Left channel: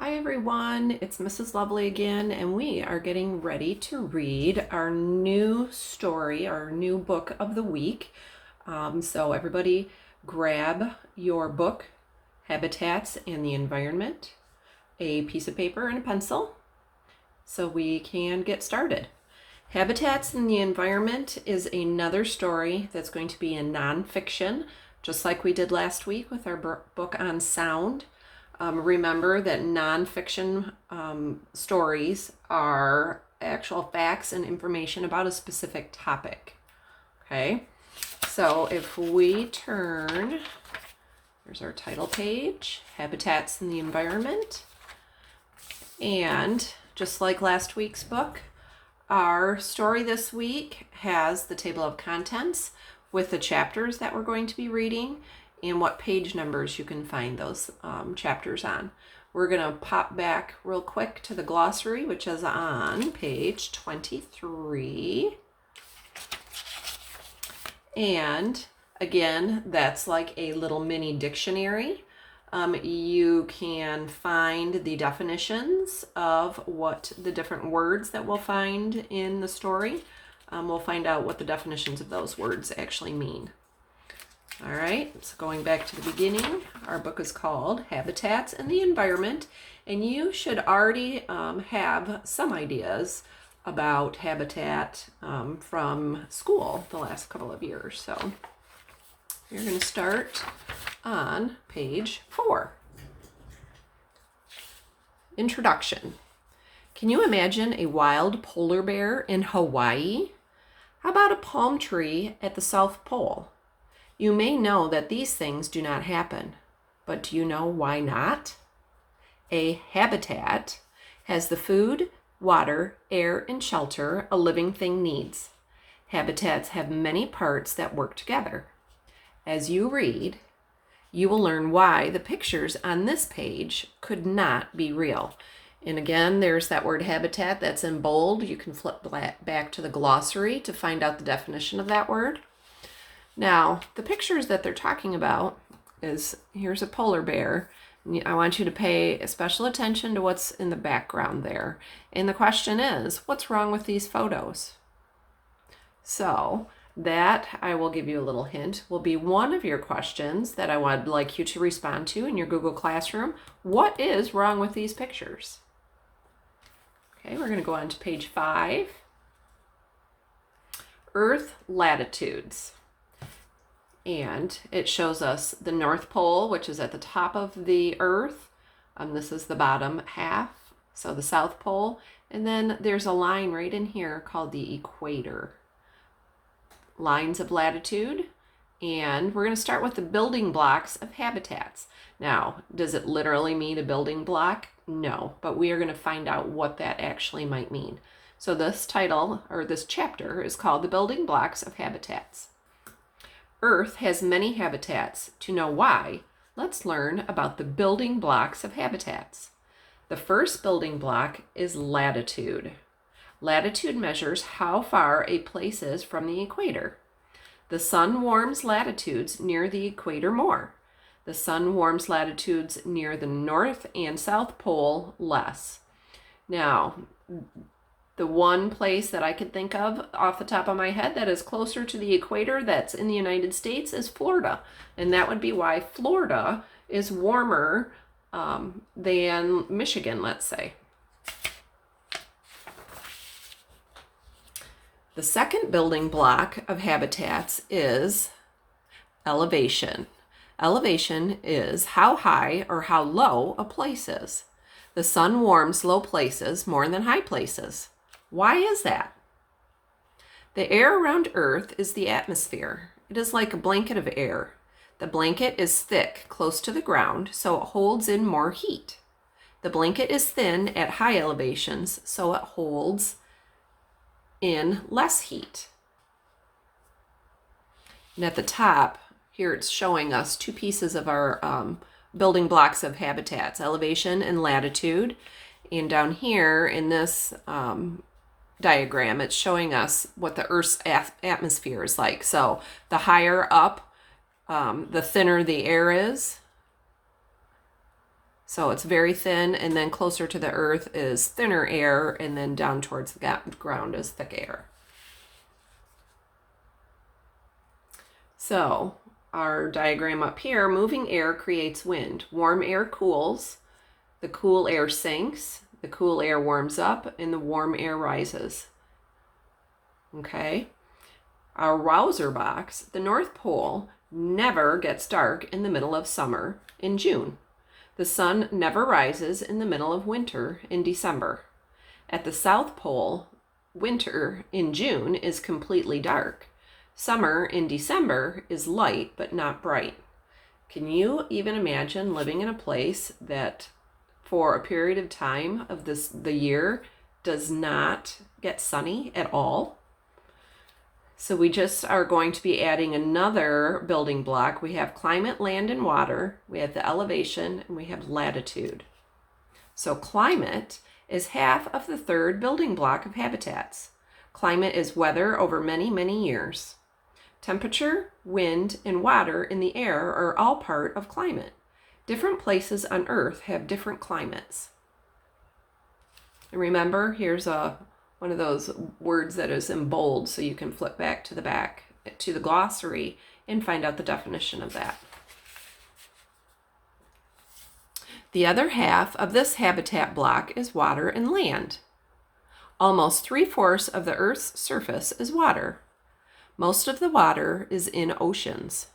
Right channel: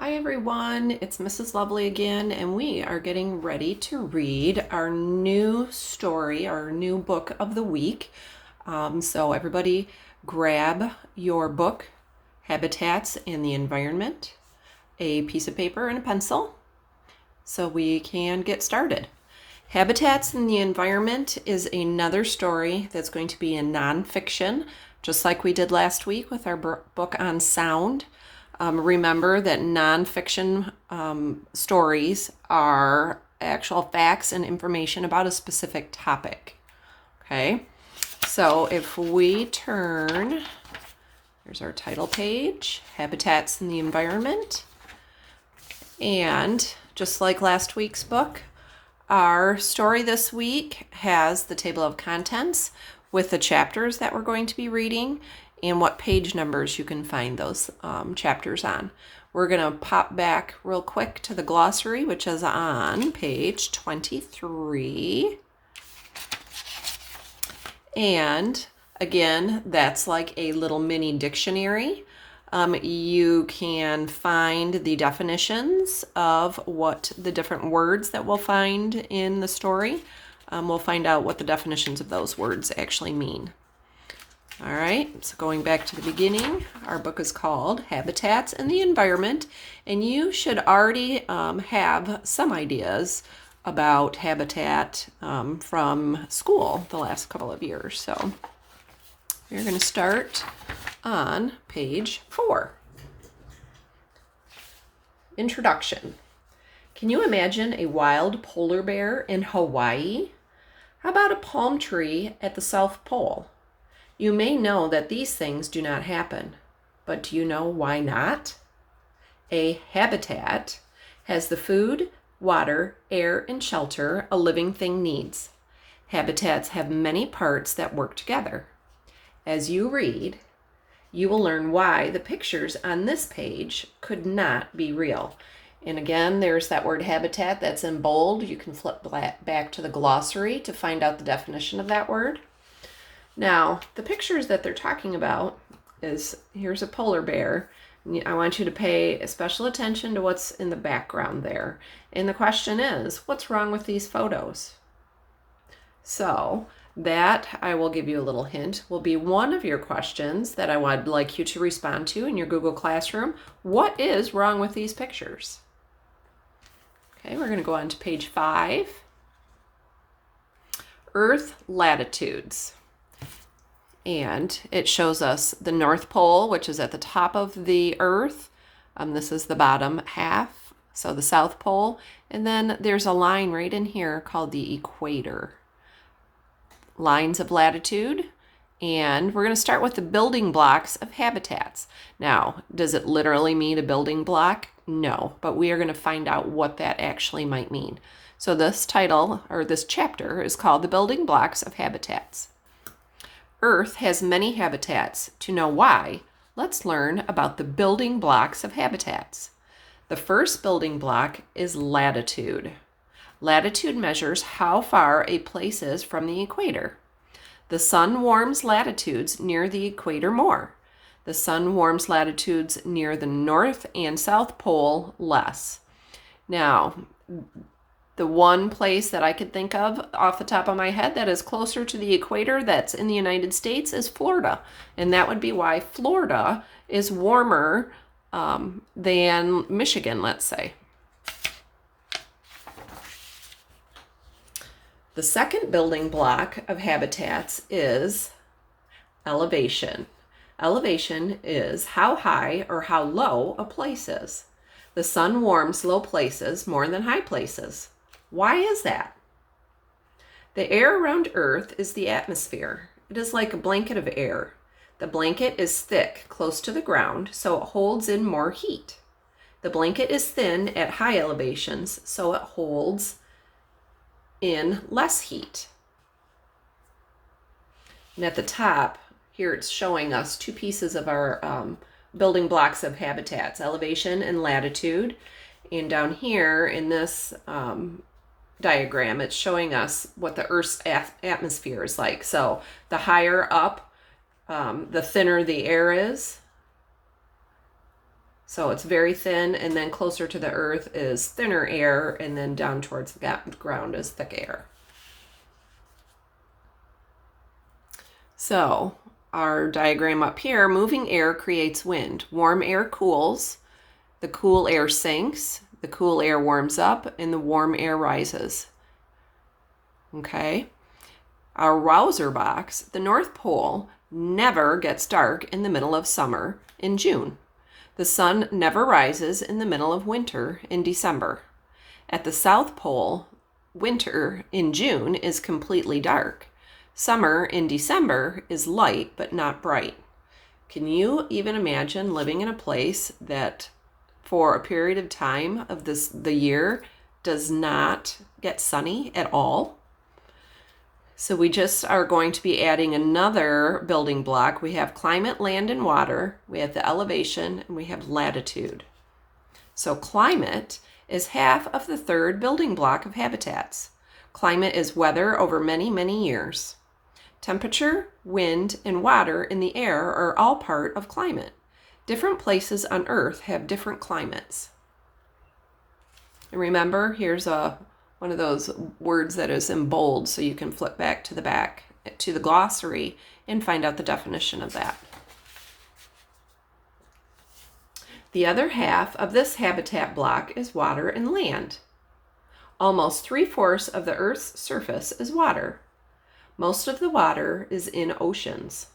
Hi everyone, it's Mrs. Lovely again, and we are getting ready to read our new story, our new book of the week. So everybody grab your book, Habitats and the Environment, a piece of paper and a pencil, so we can get started. Habitats and the Environment is another story that's going to be in nonfiction, just like we did last week with our book on sound. Remember that nonfiction stories are actual facts and information about a specific topic. Okay, so if we turn, here's our title page, Habitats and the Environment. And just like last week's book, our story this week has the table of contents with the chapters that we're going to be reading and what page numbers you can find those chapters on. We're going to pop back real quick to the glossary, which is on page 23. And again, that's like a little mini dictionary. You can find the definitions of what the different words that we'll find in the story. We'll find out what the definitions of those words actually mean. All right, so going back to the beginning, our book is called Habitats and the Environment, and you should already have some ideas about habitat from school the last couple of years. So you're going to start on page 4. Introduction. Can you imagine a wild polar bear in Hawaii? How about a palm tree at the South Pole? You may know that these things do not happen, but do you know why not? A habitat has the food, water, air, and shelter a living thing needs. Habitats have many parts that work together. As you read, you will learn why the pictures on this page could not be real. And again, there's that word habitat that's in bold. You can flip back to the glossary to find out the definition of that word. Now, the pictures that they're talking about is, here's a polar bear. I want you to pay special attention to what's in the background there. And the question is, what's wrong with these photos? So that, I will give you a little hint, will be one of your questions that I would like you to respond to in your Google Classroom. What is wrong with these pictures? Okay, we're going to go on to page 5. Earth latitudes. And it shows us the North Pole, which is at the top of the Earth. This is the bottom half, so the South Pole. And then there's a line right in here called the equator. Lines of latitude. And we're going to start with the building blocks of habitats. Now, does it literally mean a building block? No, but we are going to find out what that actually might mean. So this title, or this chapter, is called The Building Blocks of Habitats. Earth has many habitats. To know why, let's learn about the building blocks of habitats. The first building block is latitude. Latitude measures how far a place is from the equator. The sun warms latitudes near the equator more. The sun warms latitudes near the North and South Pole less. Now, the one place that I could think of off the top of my head that is closer to the equator that's in the United States is Florida. And that would be why Florida is warmer than Michigan, let's say. The second building block of habitats is elevation. Elevation is how high or how low a place is. The sun warms low places more than high places. Why is that? The air around Earth is the atmosphere. It is like a blanket of air. The blanket is thick close to the ground, so it holds in more heat. The blanket is thin at high elevations, so it holds in less heat. And at the top, here it's showing us two pieces of our building blocks of habitats, elevation and latitude. And down here in this diagram, it's showing us what the Earth's atmosphere is like. So the higher up, the thinner the air is. So it's very thin, and then closer to the earth is thinner air, and then down towards the ground is thick air. So our diagram up here, moving air creates wind. Warm air cools, the cool air sinks, the cool air warms up, and the warm air rises. Okay? Our Wowzer box, the North Pole, never gets dark in the middle of summer in June. The sun never rises in the middle of winter in December. At the South Pole, winter in June is completely dark. Summer in December is light but not bright. Can you even imagine living in a place that for a period of time of the year does not get sunny at all? So we just are going to be adding another building block. We have climate, land, and water. We have the elevation, and we have latitude. So climate is half of the third building block of habitats. Climate is weather over many, many years. Temperature, wind, and water in the air are all part of climate. Different places on Earth have different climates. And remember, here's one of those words that is in bold, so you can flip back to the glossary and find out the definition of that. The other half of this habitat block is water and land. Almost 3/4 of the Earth's surface is water. Most of the water is in oceans.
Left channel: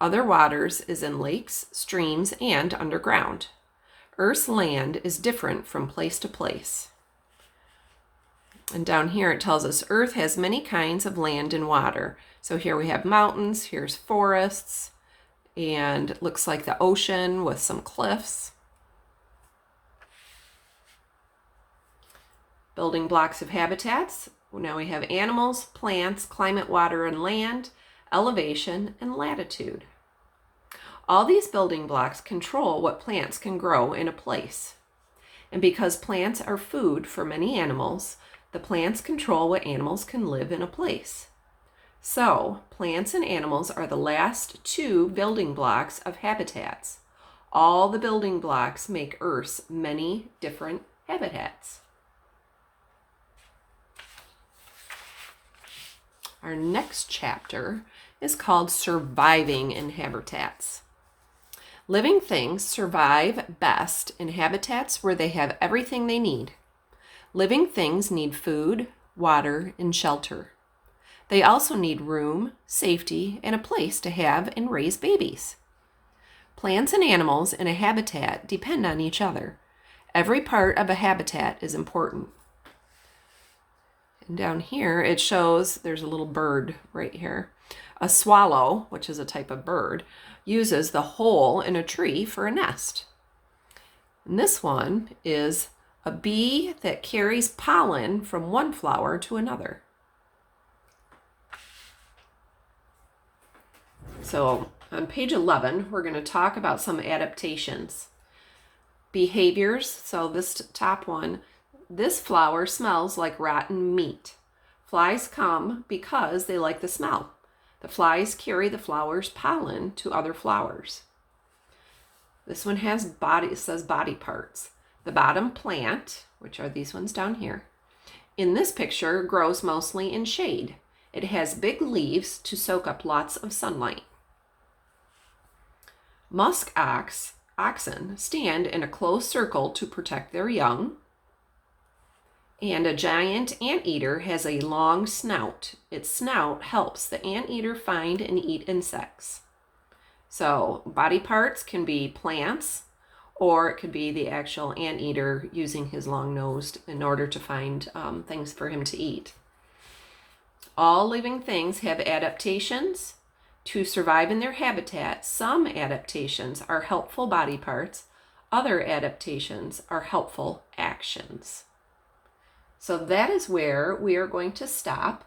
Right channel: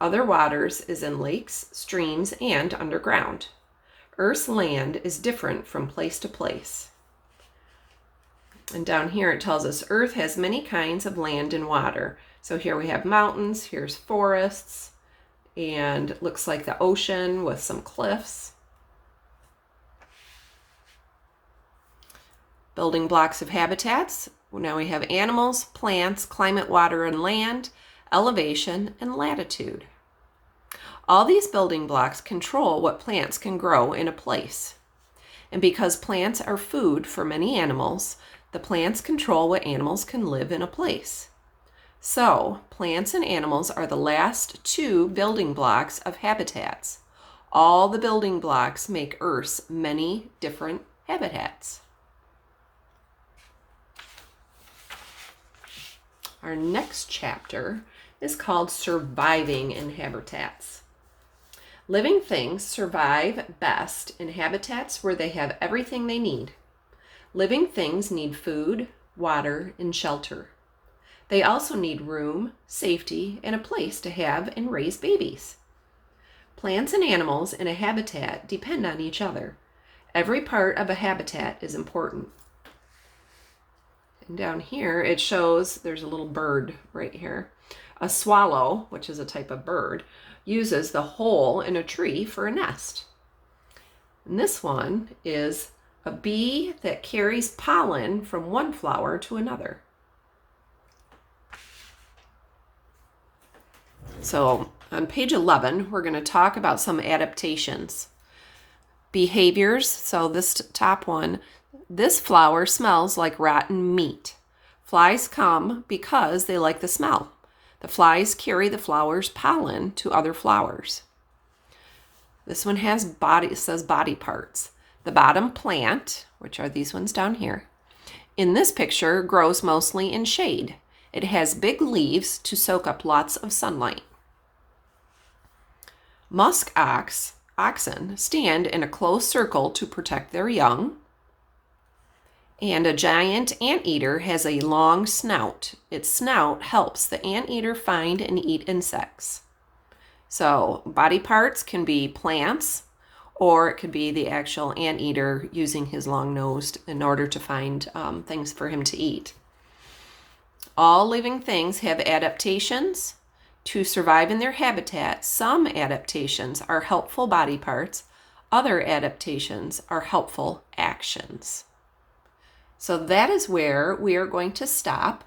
Other waters is in lakes, streams, and underground. Earth's land is different from place to place. And down here it tells us Earth has many kinds of land and water. So here we have mountains, here's forests, and it looks like the ocean with some cliffs. Building blocks of habitats. Now we have animals, plants, climate, water, and land, elevation, and latitude. All these building blocks control what plants can grow in a place. And because plants are food for many animals, the plants control what animals can live in a place. So, plants and animals are the last two building blocks of habitats. All the building blocks make Earth's many different habitats. Our next chapter is called Surviving in Habitats. Living things survive best in habitats where they have everything they need. Living things need food, water, and shelter. They also need room, safety, and a place to have and raise babies. Plants and animals in a habitat depend on each other. Every part of a habitat is important. And down here it shows there's a little bird right here. A swallow, which is a type of bird, uses the hole in a tree for a nest. And this one is a bee that carries pollen from one flower to another. So on page 11, we're going to talk about some adaptations. Behaviors, so this top one, this flower smells like rotten meat. Flies come because they like the smell. The flies carry the flower's pollen to other flowers. This one has it says body parts. The bottom plant, which are these ones down here, in this picture grows mostly in shade. It has big leaves to soak up lots of sunlight. Musk oxen stand in a close circle to protect their young. And a giant anteater has a long snout. Its snout helps the anteater find and eat insects. So body parts can be plants, or it could be the actual anteater using his long nose in order to find things for him to eat. All living things have adaptations to survive in their habitat. Some adaptations are helpful body parts. Other adaptations are helpful actions. So that is where we are going to stop.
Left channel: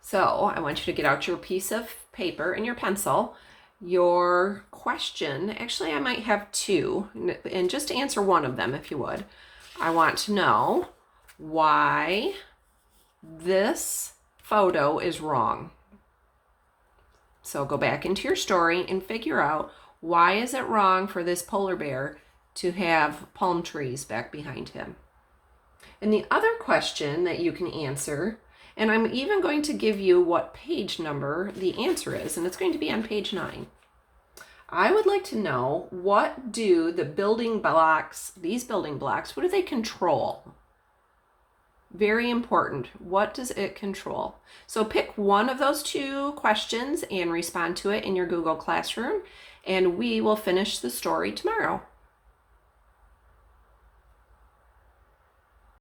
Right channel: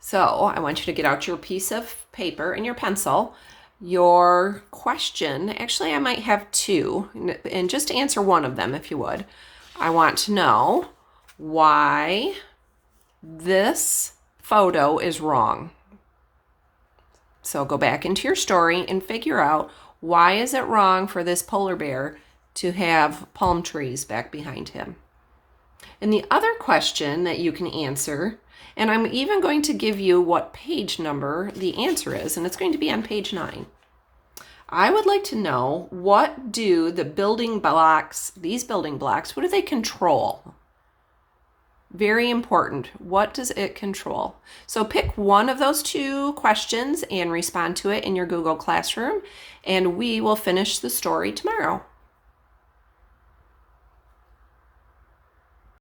So I want you to get out your piece of paper and your pencil. Your question, actually I might have two, and just answer one of them if you would. I want to know why this photo is wrong. So go back into your story and figure out why is it wrong for this polar bear to have palm trees back behind him. And the other question that you can answer, and I'm even going to give you what page number the answer is, and it's going to be on page 9. I would like to know, what do the building blocks, these building blocks, what do they control? Very important. What does it control? So pick one of those 2 questions and respond to it in your Google Classroom, and we will finish the story tomorrow.